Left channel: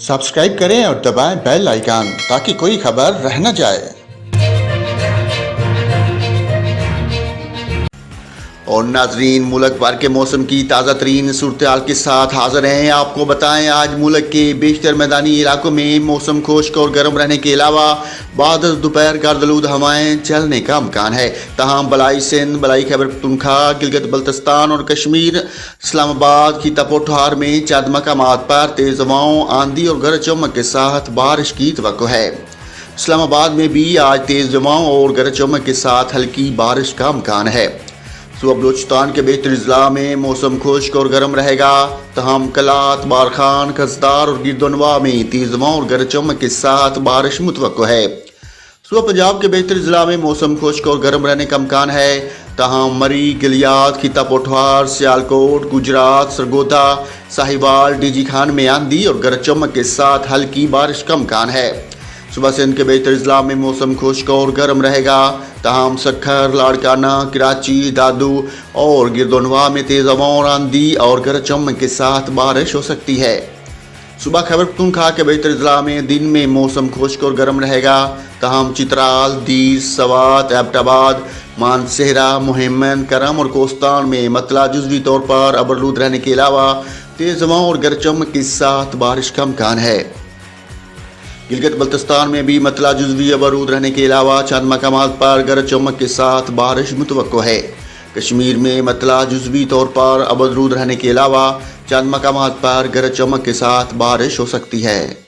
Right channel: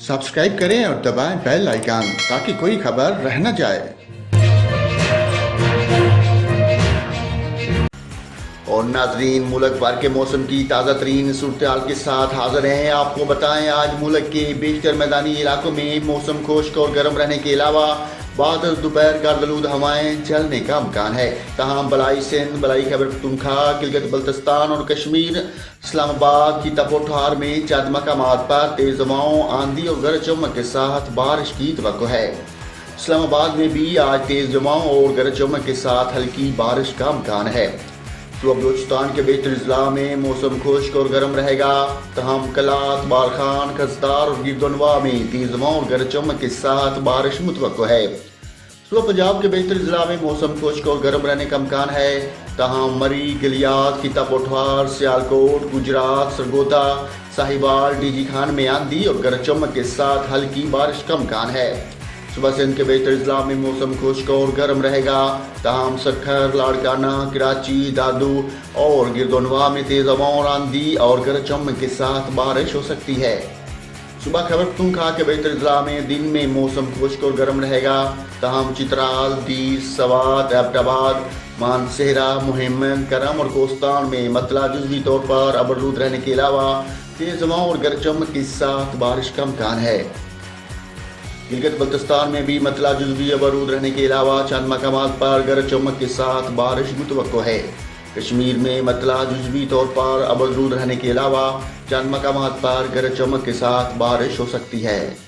Subscribe करें और दबाएं बेल आइकन ताकि कोई खबर रह न जाए। और नाजरीन, मुल्क भर के मौसम की ताज़ा तरीन सूरत के साथ हाजिर हैं। आपको बताएं, आज मुल्क के बेशतर मैदानी इलाकों में मौसम खुश्क और गर्म रहने के अलावा बाद दोपहर गर्दलूद हवाएं चलने का अमकान है। तमाम बलाई सिंध, बलाई खैबर पख्तूनख्वा, गिलगित बल्तिस्तान और कश्मीर, इस्लामाबाद, खिता पोठार में चंद मकामात पर तेज़ हवाओं, आंधी और गरज चमक के साथ बारिश की तवक्को है। इस्लामाबाद में भी आज तेज़ हवाओं और गरज चमक के साथ हल्की बारिश का अमकान है। सुबह बलूचिस्तान के बेहतर अजला में मौसम खुश्क और गर्म रहेगा। तहम कलात, बारखान, खसदार और गिरदोनवा में तेज हवाओं और गरज चमक के साथ बारिश मुतवक्को है। सुबह पंजाब के बेहतर अजला में मौसम खुश्क और गर्म रहने का अमकान है। तहम मरी, गिलियात, खिता पोठार, सियालकोट, गुजरात, सरगोदा, साहिवाल, डीजी खान में आंधी और गरज चमक के साथ हल्की बारिश का अमकान है। सुबह सिंध के बेहतर अजला में मौसम खुश्क और गर्म रहेगा। तहम सखर, लाड़काना, कराची, दादू और गिरदोनवा में तेज़ हवाओं और आंधी और गरज चमक के साथ बारिश हो सकती है। सुबह खैबर पख्तूनख्वा के बेहतर अजला में दिन में मौसम खुश्क और गर्म रहेगा। तहम चित्राल, दीस, सवात, एबटाबाद, मानसेहरा, मुहिमन, करम और कोस्तान में मतला जुज़वी तौर पर अबरलूद रहने के अलावा तेज़ हवाओं और गरज चमक के साथ बारिश का अमकान है। गिलगित बल्तिस्तान में भी मतला जुज़वी अबरूद रहने के अलावा चंद मकामात पर गरज चमक के साथ बारिश मुतवक्को है। कश्मीर में मतला जुज़वी तौर पर अबरूद रहने के अलावा चंद मकामात पर गरज चमक के साथ बारिश हो सकती है।